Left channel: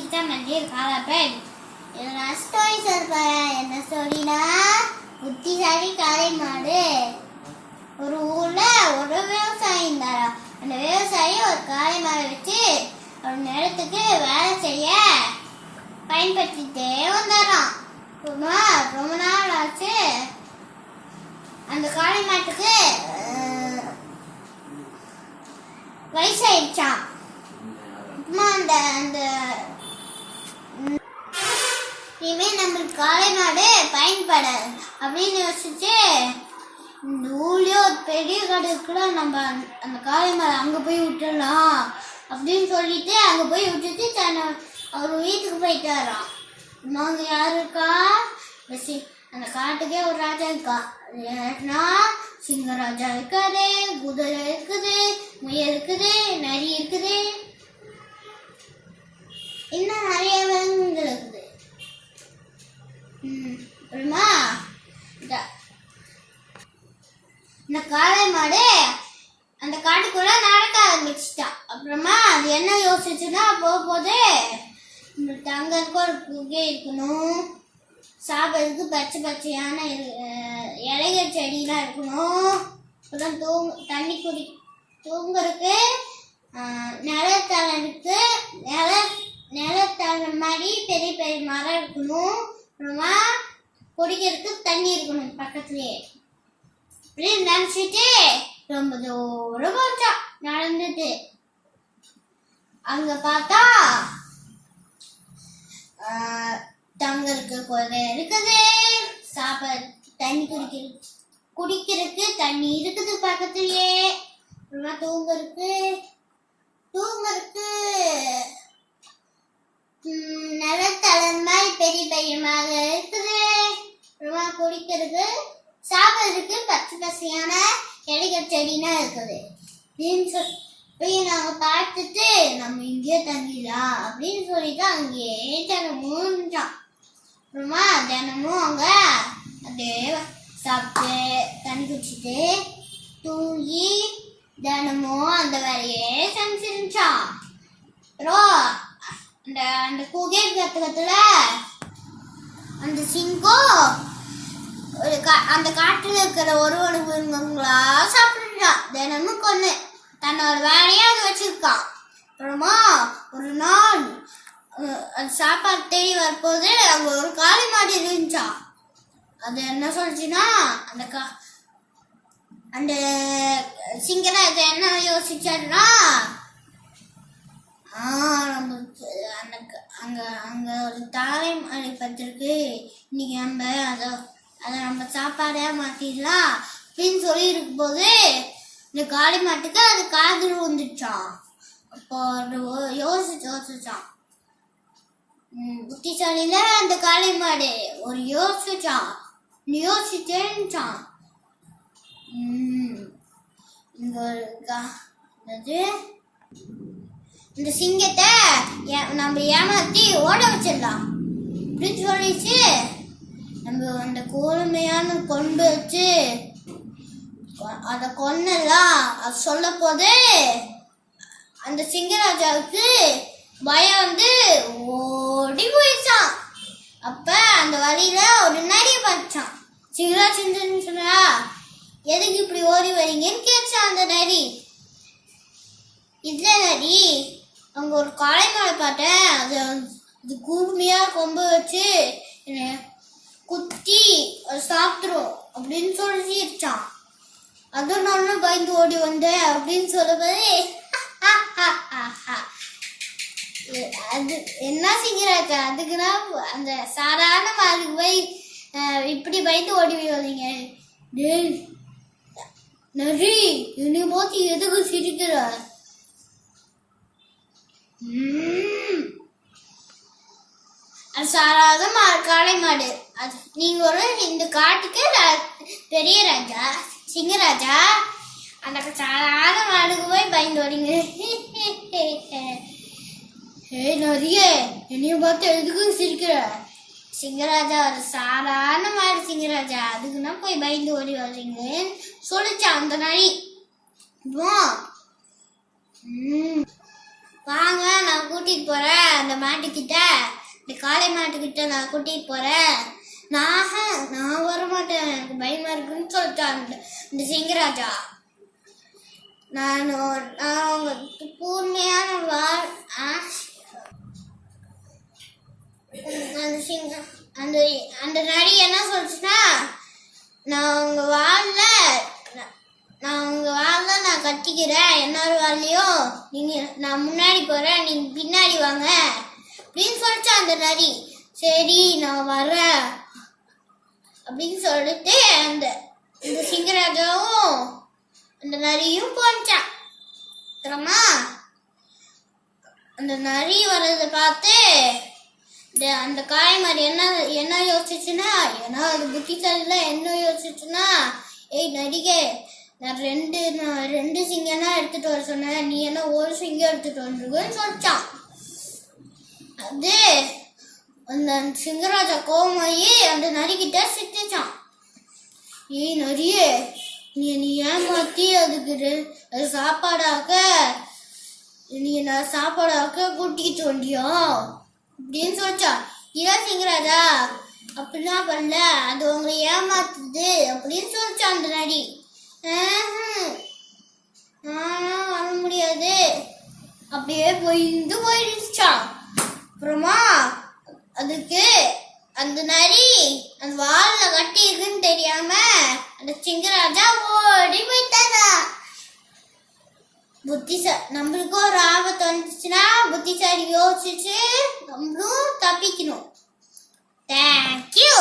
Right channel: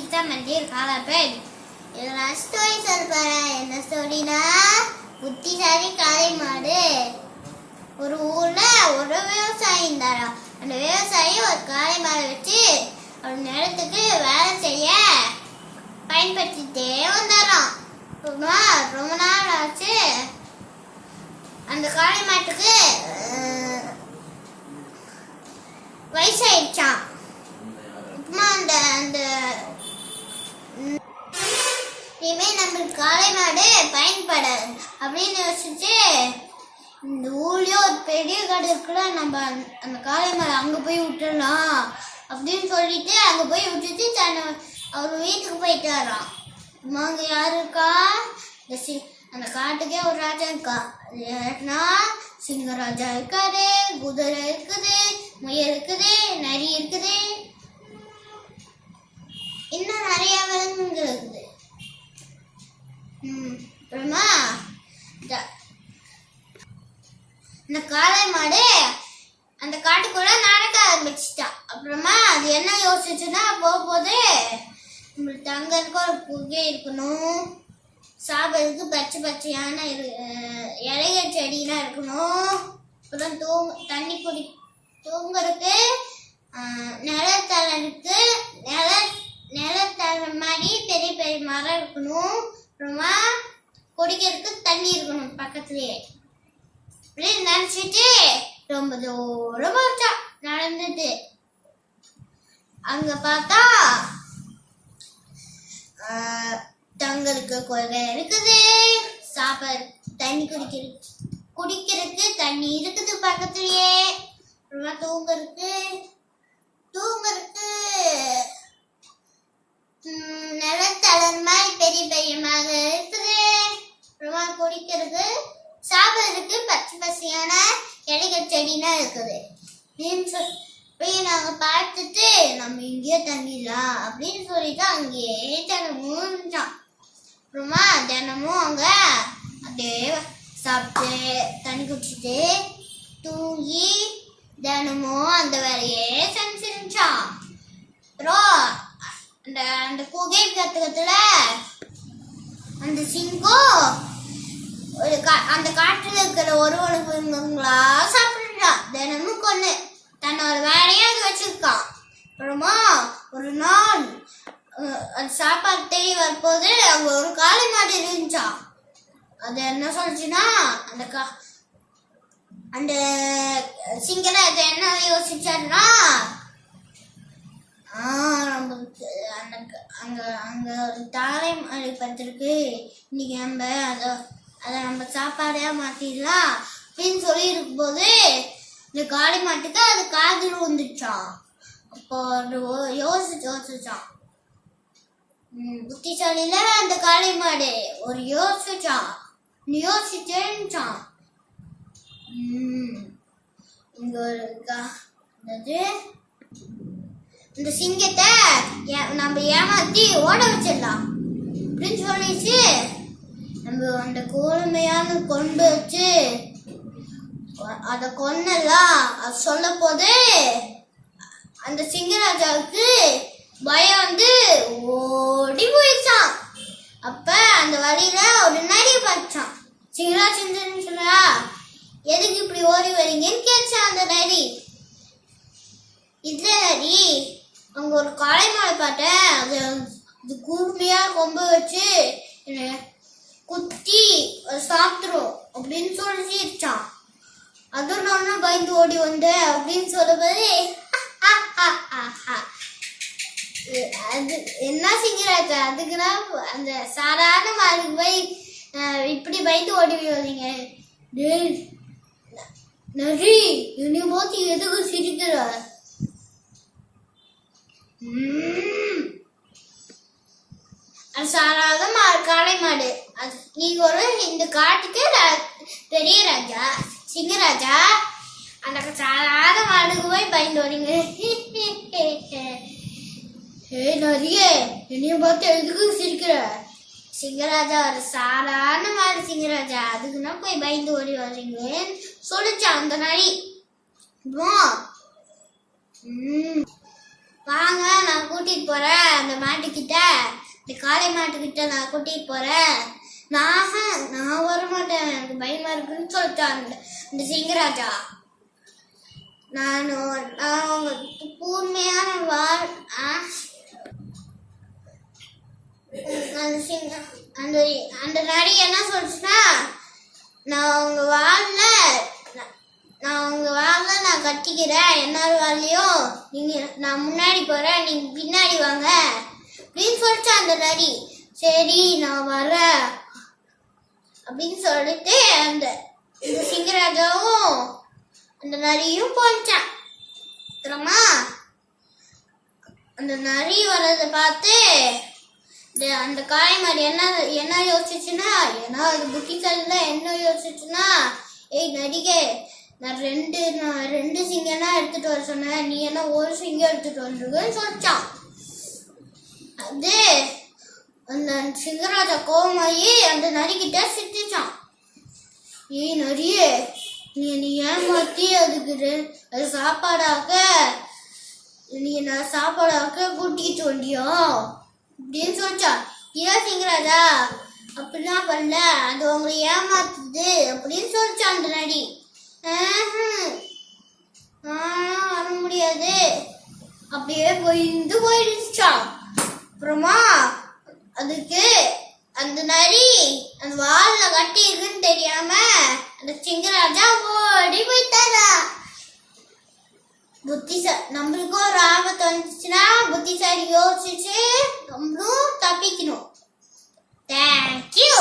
இன்னைக்கு தான் மண்டியர் காலாப்பேன் நான் ஸ்டோரி சொல்ல போறேன். என்ன ஸ்டோரினா, புத்திசாலி காளை மாடு. ஒரு ஊர்ல ஒரு விவசாயி இருந்தாரா. அந்த விவசாயி ஒரு காளை மாடை வச்சு ஒரு நிலத்துக்கு வேலை செய்ய பயன்படுத்திட்டே வந்தாராம். ரொம்ப நாள் ஆச்சு. அந்த காளை மாட்டுக்கு வயசாயிடுச்சான். அந்த இனிமே நம்மளுக்கு காளை மாடு பயன்படாது அப்படின்னு யோசிச்சு, இந்த ஊர்லயே ஒரு பெரிய கடை இருக்குல்ல, நம்ம அந்த காளை மாடு அங்க போய் விட்டுடலாம் அப்படின்னு சொல்லிட்டு அங்க போய் விட்டுட்டு அவர் வீட்டுக்கு போயிட்டாராம். அங்க யாரு இருக்கா? அந்த காட்டுக்கே ஒரு ராஜா இருக்கா. ஏன்னா சிங்கராஜா இருக்காது, குதிரை இருக்குது, முயல் இருக்குது, நரி இருக்குது, இன்னும் நிறைய விலங்குகள் இருக்குது. அப்புறமா இந்த காளை மாடு அந்த காட்டுக்குள்ள நடக்க ஆரம்பிச்சுட்டான். அப்புறமா அது என்ன யோசிச்சுன்னா, போகும்போது தங்கருக்கு ஒரு புகை இருக்கணும், சாப்பிட்றதுக்கு பச்சை பச்சையான இலைகள் செடியெல்லாம் இருக்கணும், அப்புறம் தண்ணி தூங்குறதுக்கு நிலத்தளனுக்கு நிலத்தள மாதிரி பெரிய பெரிய மரம் இருக்கணும், அப்புறமா குடிக்கிறதுக்கு தண்ணி இருக்கணும் பக்கத்துலயே அப்படின்னு நினைச்சிட்டு ரொம்ப தூரம் போச்சான் நடந்துட்டு. அங்க பார்த்தா தங்களுக்கு குகை இருக்குது, சாப்பாடு தண்ணி குடிக்கிறதுக்கு தண்ணி இருக்குது பக்கத்துலயே, அப்புறமா தூங்குறதுக்கு நிலத்தளன் மாதிரி பெரிய பெரிய மரம் இருக்குது, அப்புறமா குடிக்கிறதுக்கு சாப்பிட்றதுக்கு பச்சை பசையான இலைகள் செடினா இருக்குது. போய் நாங்க பார்த்துட்டு நம்ம இங்கேயே தங்கிடலாம் அப்படின்னு சொல்லிட்டு அங்கேயே தினமும். அப்புறமா தினமும் அங்க அதே சாப்பிட்டு தண்ணி குடிச்சிட்டு தூங்கி தினமும் அந்த வேலையே செஞ்சிருச்சான். அப்புறம் அந்த குகை கத்துக்கத்துல அந்த சிங்கம் அந்த காட்டுல இருக்கிற ஒரு மிருகங்களா சாப்பிடுறான். தினமும் கொண்டு தன்னோட வேலையா அது வச்சிருக்கான். அப்புறமா ஒரு நாள் அந்த சாப்பாடு தேடி வரும்போது அங்க ஒரு காளை மாடு இருந்துச்சான். அது என்ன சொல்லுச்சுன்னா, அந்த சிங்கராஜா என்ன யோசிச்சாருன்னா, அங்க ஒரு தாரை மாடு பத்திருக்கு, இன்னைக்கு நம்ம அதை நம்ம சாப்பாடையா மாத்திடலாம் அப்படின்னு சொல்லி இருக்கும் போது இந்த காளை மாட்டுக்கு அது காதில் வந்துச்சான். அப்போ யோசிச்சான். புத்திசாலியில அந்த காளை மாடு ஒரு யோசிச்சான். இங்க ஒரு இந்த சிங்கத்தை நம்ம ஏமாத்தி ஓட வச்சிடலாம் அப்படின்னு சொல்லிச்சு. நம்ம அந்த கூர்மையான கொண்டு வச்சு அத கொன்னலாம் அது சொல்ல போது அந்த சிங்கராஜாவுக்கு பயம் வந்து ஓடி போயிடுச்சான். அப்ப அந்த வழியில ஒரு நரி பார்த்தான். சிங்கராஜன் சொன்னா, எதுக்கு இப்படி ஓடி வரீங்கன்னு கேட்டான் அந்த நரி. இதுல நரி, அங்க ஒரு காளை மாடு பார்த்தேன், அது கூர்மையா கொம்பு வச்சு குத்தி சாப்பிட்டுரும் அப்படின்னு சொல்லிடுச்சான். அதனால பயந்து ஓடி வந்தேன் அப்படின்னு சொல்லும்போது அது என்ன சிங்கராஜா, அதுக்குன்னா அந்த சாதாரண மாடுக்கு போய் இப்படி பயந்து ஓடி போவீங்க? நரி, என்னை மோத்தி எதுக்கு சிரிக்கிற? அது சாதாரண காளை மாடு. அது நீங்க ஒரு இந்த காட்டுக்கு பெரிய ராஜா சிங்கராஜா, அந்த சாதாரண மாடுக்கு போய் பயந்து வரீங்க? நிறைய என்னைய பார்த்து எதுக்கு சிரிக்கிற? சிங்கராஜா ஒரு சாதாரண மாடு சிங்கராஜா, அதுக்குன்னா போய் பயந்து ஓடி வர்றீங்களேன்னு சொல்லிச்சான் அந்த நரி. வாங்க நான் கூட்டிட்டு போறேன் அந்த மாட்டுக்கிட்ட, இந்த காளை மாட்டுக்கிட்ட நான் கூட்டிட்டு போறேன். நான் வர மாட்டேன், எனக்கு பயமா இருக்குன்னு சொல்லிட்டான் இந்த சிங்கராஜா. நான் உங்க கூர்மையான அந்த நரி என்ன சொல்லுச்சுன்னா, நான் உங்க வாழ நான் கட்டிக்கிறேன், என்னோட வாழையும் நீங்க, நான் முன்னாடி போறேன், நீங்க பின்னாடி வாங்க அப்படின்னு சொல்லிச்சு அந்த நரி. சரி நான் வர்றேன் அப்படின்னு சொல்லிட்டு இந்த சிங்கராஜாவும் அந்த நரியும் போச்சான். அப்புறமா அந்த நரி வர்றதை பார்த்து அந்த காளை மாதிரி என்ன யோசிச்சுன்னா, ஏன்னா அது புத்திசாலில என்ன யோசிச்சுன்னா, ஏய் நரிகே, நான் ரெண்டு சிங்கம்னா எடுத்துட்டு வர சொன்னேன், நீ என்ன ஒரு சிங்கம் எடுத்துட்டு வந்துருக்குன்னு சொல்லிச்சான். அது அந்த சிங்கராஜா கோவமாயி அந்த நரிக்கிட்ட சித்திச்சான். ஏய் நரியே, நீ ஏமாத்தி அதுக்கு அது சாப்பாடாக்க கூட்டிக்கிட்டு வண்டியோ அப்படின்னு சொல்லிச்சான். இதான் சிங்கராஜா, அப்படிலாம் பண்ணல, அது உங்களை ஏமாத்துது அப்படின்னு சொல்லிச்சான் அந்த நரி. வர முடியாது அப்படியே போயிடுச்சான். அப்புறமா அதுக்கு அந்த நரி அந்த வால்ல கட்டி இருக்குன்னு தெரியாம அந்த சிங்கராஜா ஓடி போயிட்டாரா. நம்மளுக்கும் ஒரு ஆபத்து வந்துச்சுன்னா புத்திசாலி யோசிச்சு நம்மளும் தப்பிக்கணும். தேங்க்யூ.